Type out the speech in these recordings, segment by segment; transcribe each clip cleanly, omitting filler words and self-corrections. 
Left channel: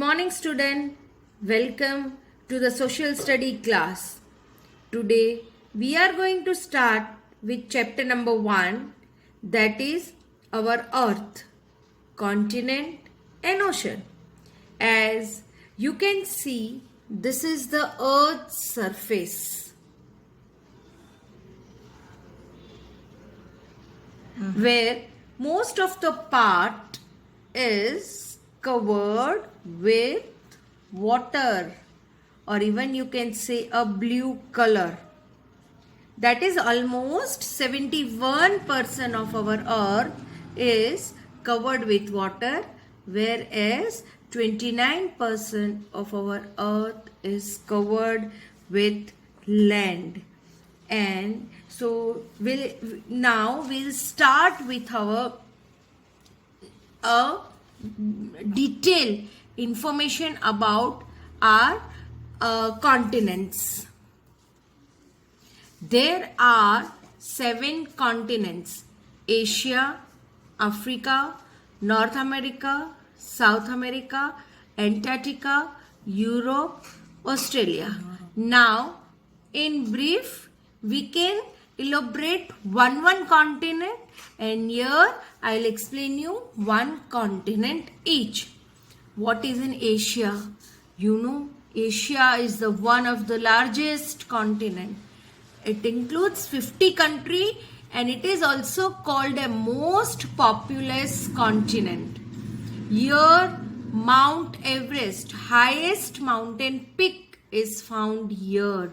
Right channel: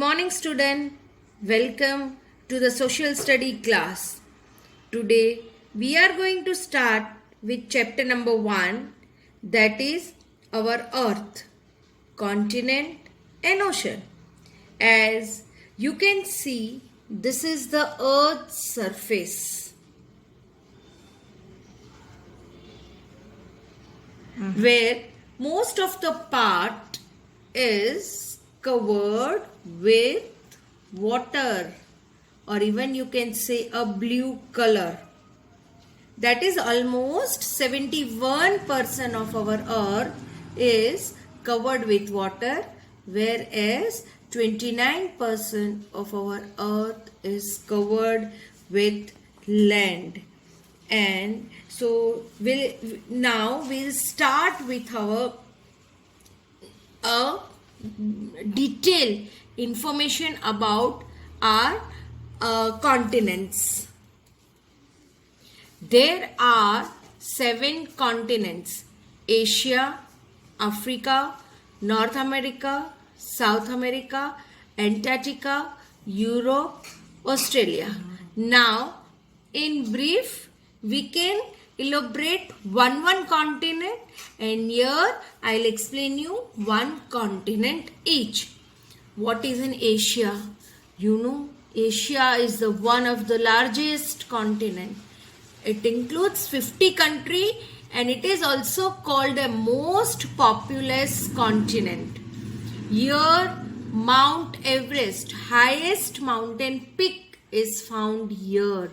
morning, student. Welcome to the social study class. Today we are going to start with chapter number 1, that is our earth, continent and ocean. As you can see, this is the earth's surface, where most of the part is covered with water, or even you can say a blue color. That is almost 71% of our earth is covered with water, whereas 29% of our earth is covered with land. And so we'll start with our detailed information about our continents. There are 7 continents: Asia, Africa, North America, South America, Antarctica, Europe, Australia. Now, in brief, we can elaborate one continent, and here I'll explain you one continent each. What is in Asia? You know, Asia is the one of the largest continent. It includes 50 countries and it is also called a most populous continent. Here Mount Everest, highest mountain peak, is found here,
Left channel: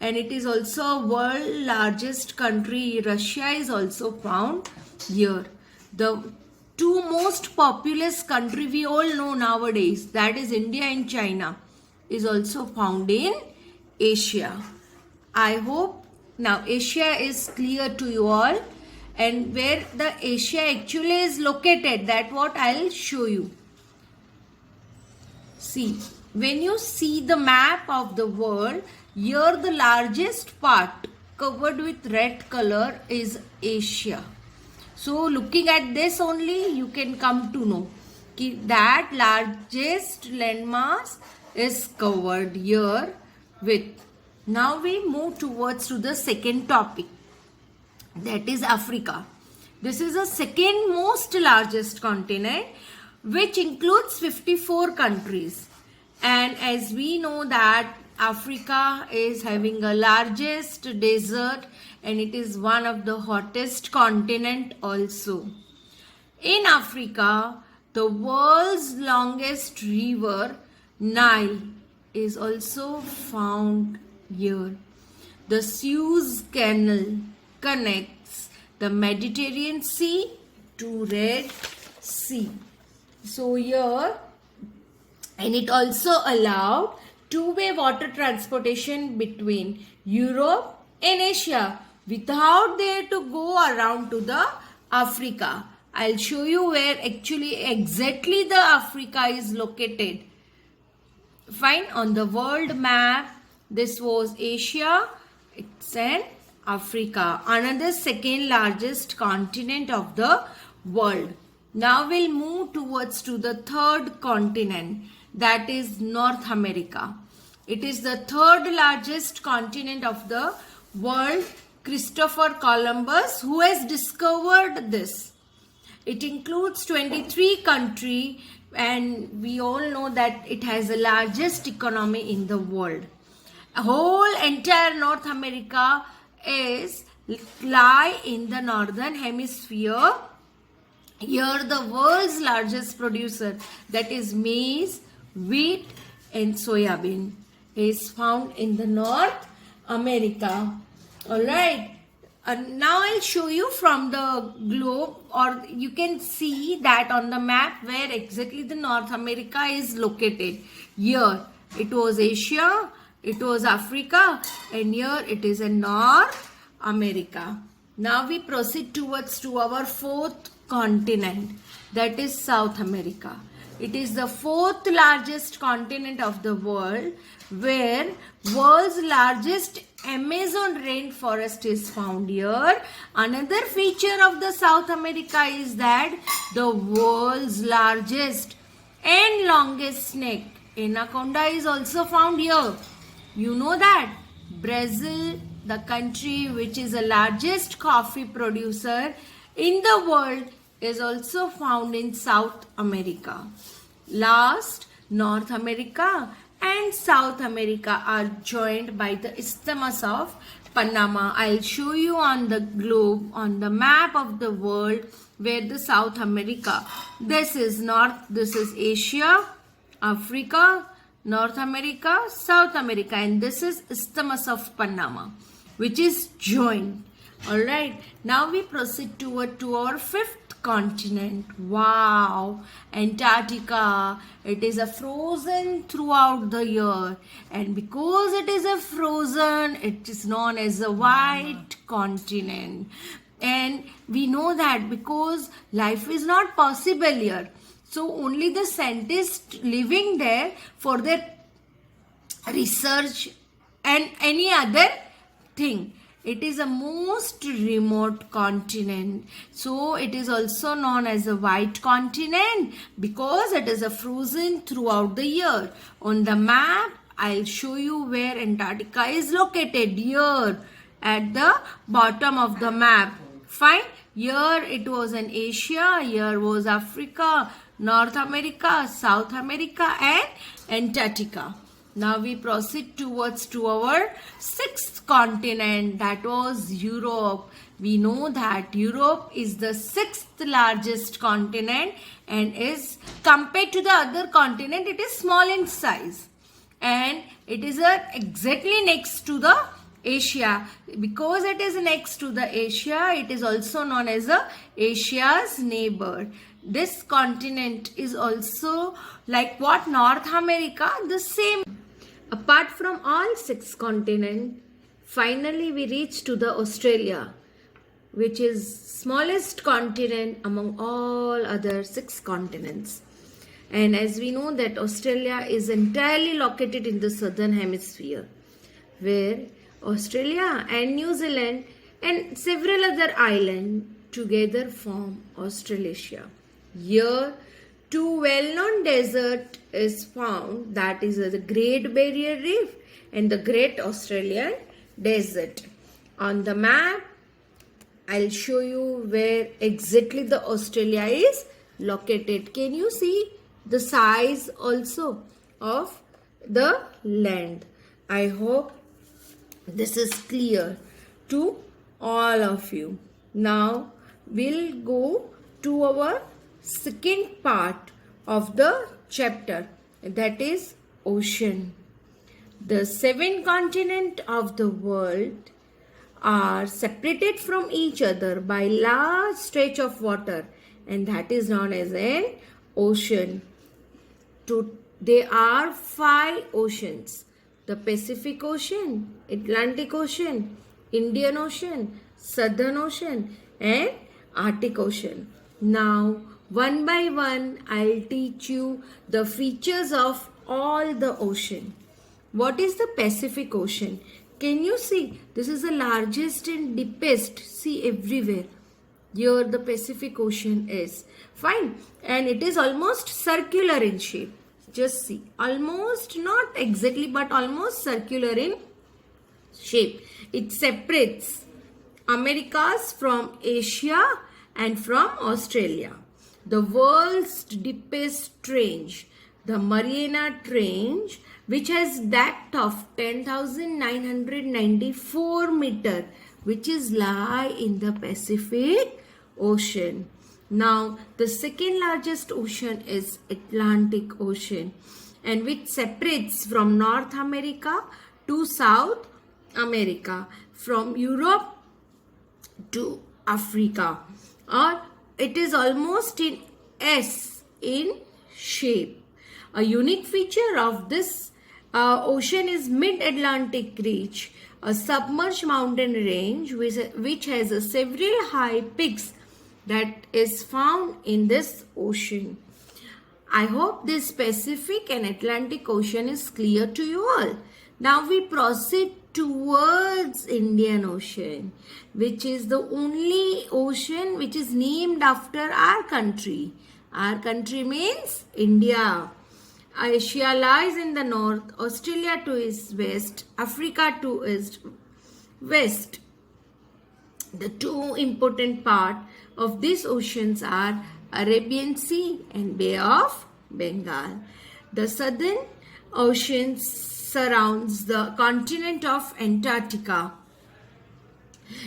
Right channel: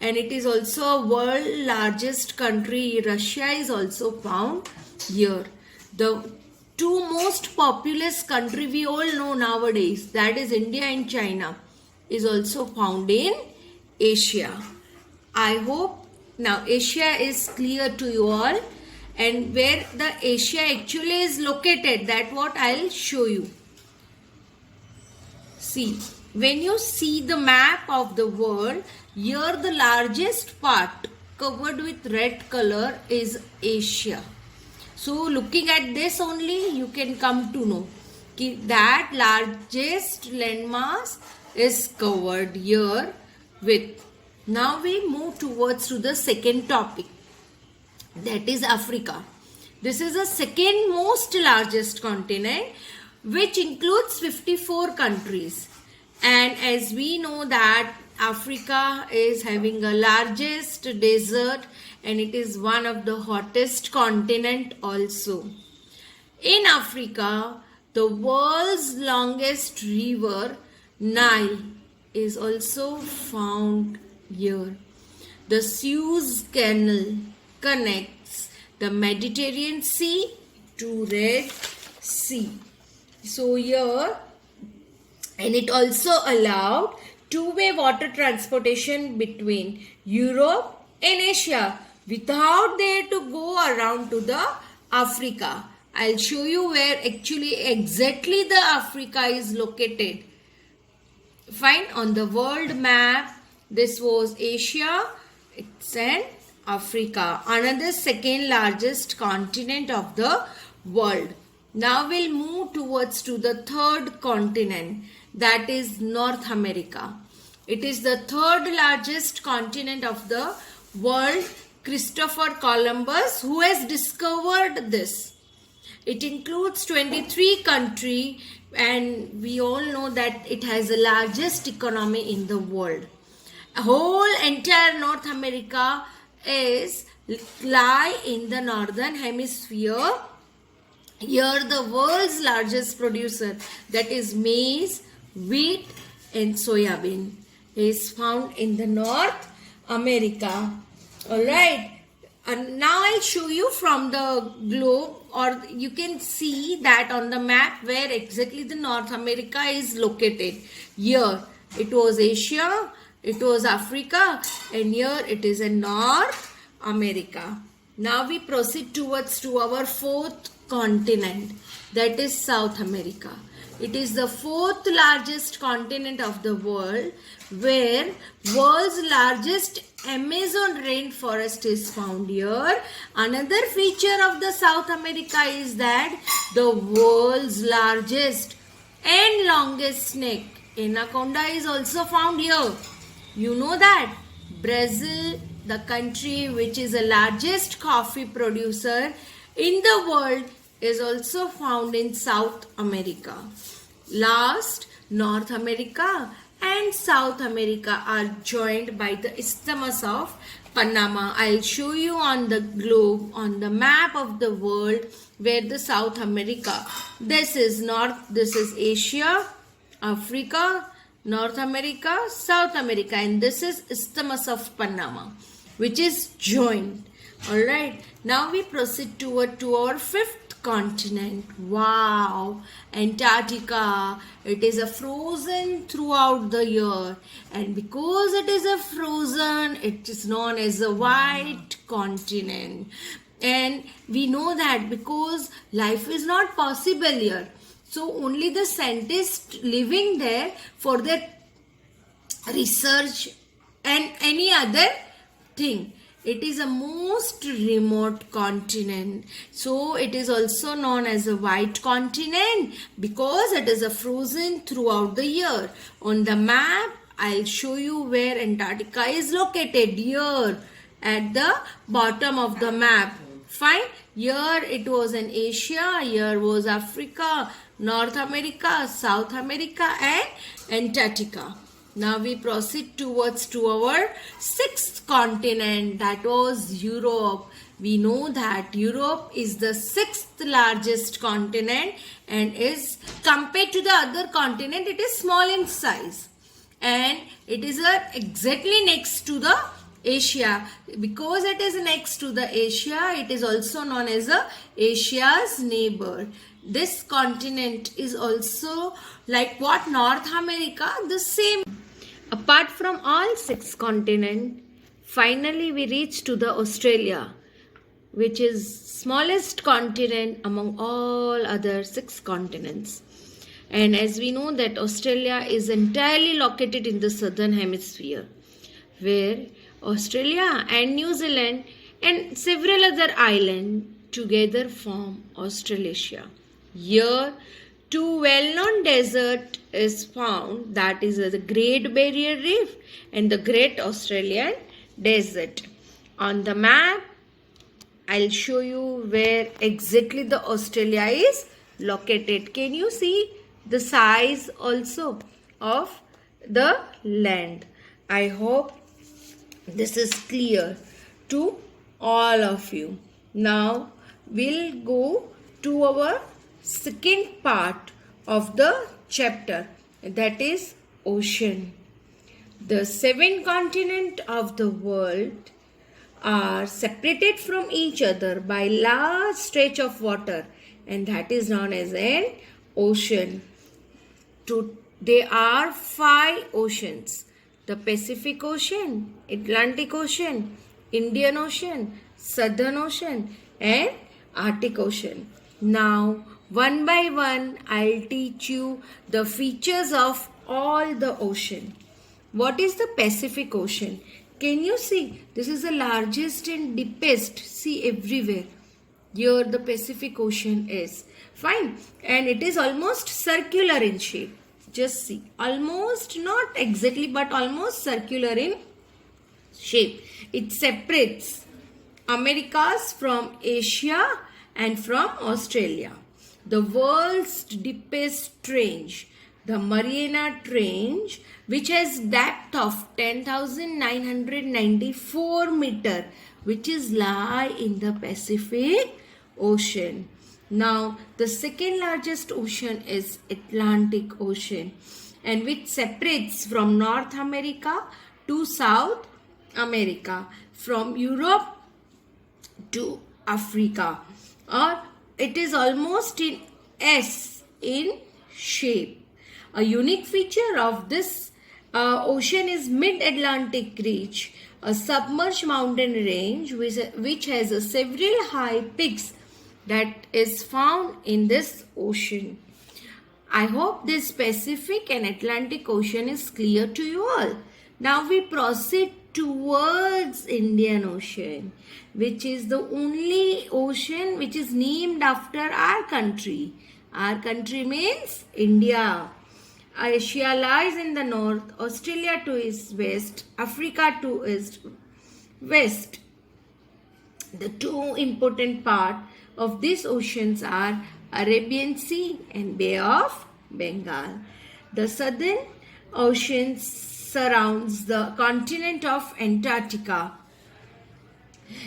and it is also world largest country. Russia is also found here. The two most populous country we all know nowadays, that is India and China, is also found in Asia. I hope now Asia is clear to you all, and where the Asia actually is located, that what I'll show you. See, when you see the map of the world, here the largest part covered with red color is Asia. So looking at this only, you can come to know that largest landmass is covered here with. Now we move towards to the second topic, that is Africa. This is the second most largest continent, which includes 54 countries. And as we know that Africa is having the largest desert, and it is one of the hottest continent also. In Africa, the world's longest river, Nile, is also found here. The Suez Canal connects the Mediterranean Sea to Red Sea. So here, and it also allowed two-way water transportation between Europe and Asia without they to go around to the Africa. I'll show you where actually exactly the Africa is located. Fine, on the world map, this was Asia, it's an Africa, another second largest continent of the world. Now we'll move towards to the third continent, that is North America. It is the third largest continent of the world. Christopher Columbus, who has discovered this. It includes 23 countries, and we all know that it has the largest economy in the world. A whole entire North America lie in the northern hemisphere. Here the world's largest producer, that is maize, wheat and soybean, is found in the North America. Alright, now I'll show you from the globe, or you can see that on the map where exactly the North America is located. Here it was Asia, it was Africa, and here it is in North America. Now we proceed towards to our fourth continent, that is South America. It is the fourth largest continent of the world, where world's largest Amazon rainforest is found here. Another feature of the South America is that the world's largest and longest neck. Anaconda is also found here. You know that Brazil, the country which is the largest coffee producer in the world, is also found in South America. Last, North America and South America are joined by the Isthmus of Panama. I'll show you on the globe, on the map of the world, where the South America. This is North, this is Asia, Africa, North America, South America, and this is Isthmus of Panama, which is joined. Alright, now we proceed to our fifth continent. Wow, Antarctica. It is a frozen throughout the year, and because it is a frozen, it is known as a white continent. And we know that because life is not possible here, so only the scientists living there for their research and any other thing. It is a most remote continent. So it is also known as a white continent because it is a frozen throughout the year. On the map, I'll show you where Antarctica is located. Here at the bottom of the map. Fine. Here it was in Asia. Here was Africa, North America, South America and Antarctica. Now we proceed towards to our sixth continent, that was Europe. We know that Europe is the sixth largest continent and is compared to the other continent, it is small in size. And it is exactly next to the Asia. Because it is next to the Asia, it is also known as the Asia's neighbor. This continent is also like what North America, the same. Apart from all six continents, finally we reach to the Australia, which is smallest continent among all other six continents. And as we know that Australia is entirely located in the southern hemisphere, where Australia and New Zealand and several other islands together form Australasia. Here, two well-known deserts is found, that is the Great Barrier Reef and the Great Australian Desert. On the map, I'll show you where exactly the Australia is located. Can you see the size also of the land? I hope this is clear to all of you. Now we'll go to our second part of the chapter, that is ocean. The seven continents of the world are separated from each other by large stretch of water, and that is known as an ocean. There are 5 oceans: the Pacific Ocean, Atlantic Ocean, Indian Ocean, Southern Ocean and Arctic Ocean. Now one by one, I'll teach you the features of all the ocean. What is the Pacific Ocean? Can you see? This is the largest and deepest. See everywhere. Here the Pacific Ocean is. Fine. And it is almost circular in shape. Just see. Almost, not exactly, but almost circular in shape. It separates Americas from Asia and from Australia. The world's deepest trench, the Mariana Trench, which has depth of 10,994 meter, which is lie in the Pacific Ocean. Now, the second largest ocean is Atlantic Ocean, and which separates from North America to South America, from Europe to Africa, or it is almost in S in shape. A unique feature of this ocean is Mid-Atlantic Ridge, a submerged mountain range which has several high peaks that is found in this ocean. I hope this Pacific and Atlantic Ocean is clear to you all. Now we proceed towards Indian Ocean, which is the only ocean which is named after our country. Our country means India. Asia lies in the north, Australia to is west, Africa to is west. The two important parts of these oceans are Arabian Sea and Bay of Bengal. The southern ocean surrounds the continent of Antarctica.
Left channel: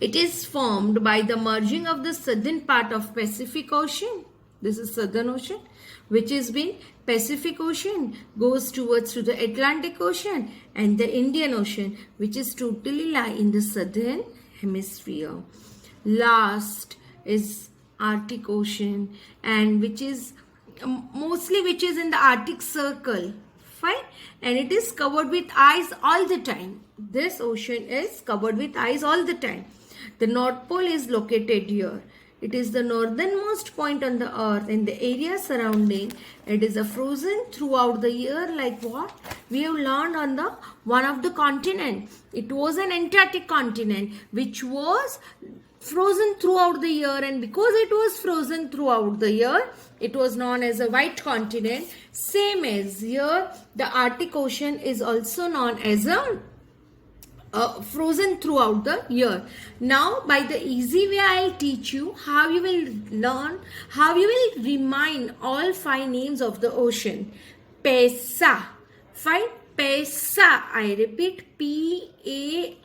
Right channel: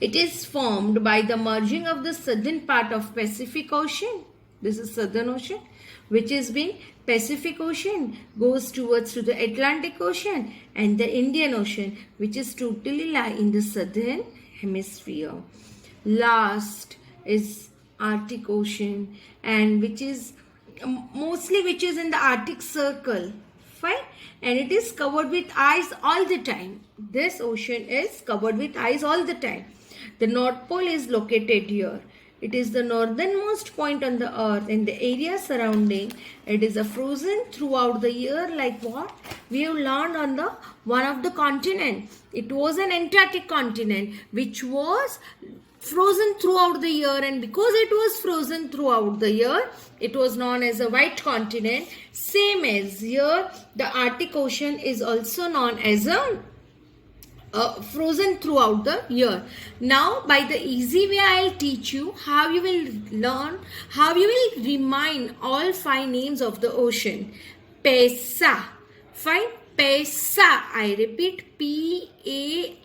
It is formed by the merging of the southern part of Pacific Ocean. This is Southern Ocean, which is being Pacific Ocean goes towards to the Atlantic Ocean, and the Indian Ocean, which is totally lie in the southern hemisphere. Last is Arctic Ocean, and which is mostly which is in the Arctic Circle. Fine, and it is covered with ice all the time. This ocean is covered with ice all the time. The North Pole is located here. It is the northernmost point on the earth, and the area surrounding it is a frozen throughout the year, like what we have learned on the one of the continent. It was an Antarctic continent which was frozen throughout the year, and because it was frozen throughout the year, it was known as a white continent. Same as here, the Arctic Ocean is also known as a frozen throughout the year. Now, by the easy way, I'll teach you how you will learn, how you will remind all five names of the ocean. Paisa. Fine. Paisa. I repeat, Paisa.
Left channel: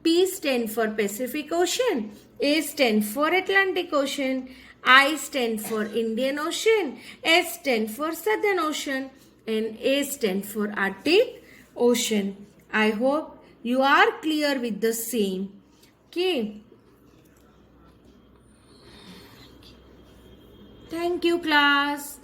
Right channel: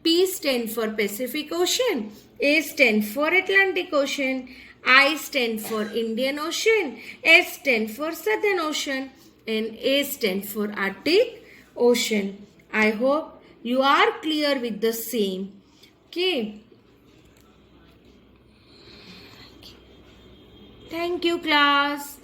P stands for Pacific Ocean. A stands for Atlantic Ocean. I stands for Indian Ocean. S stands for Southern Ocean. And A stands for Arctic Ocean. I hope you are clear with the same. Okay. Thank you, class.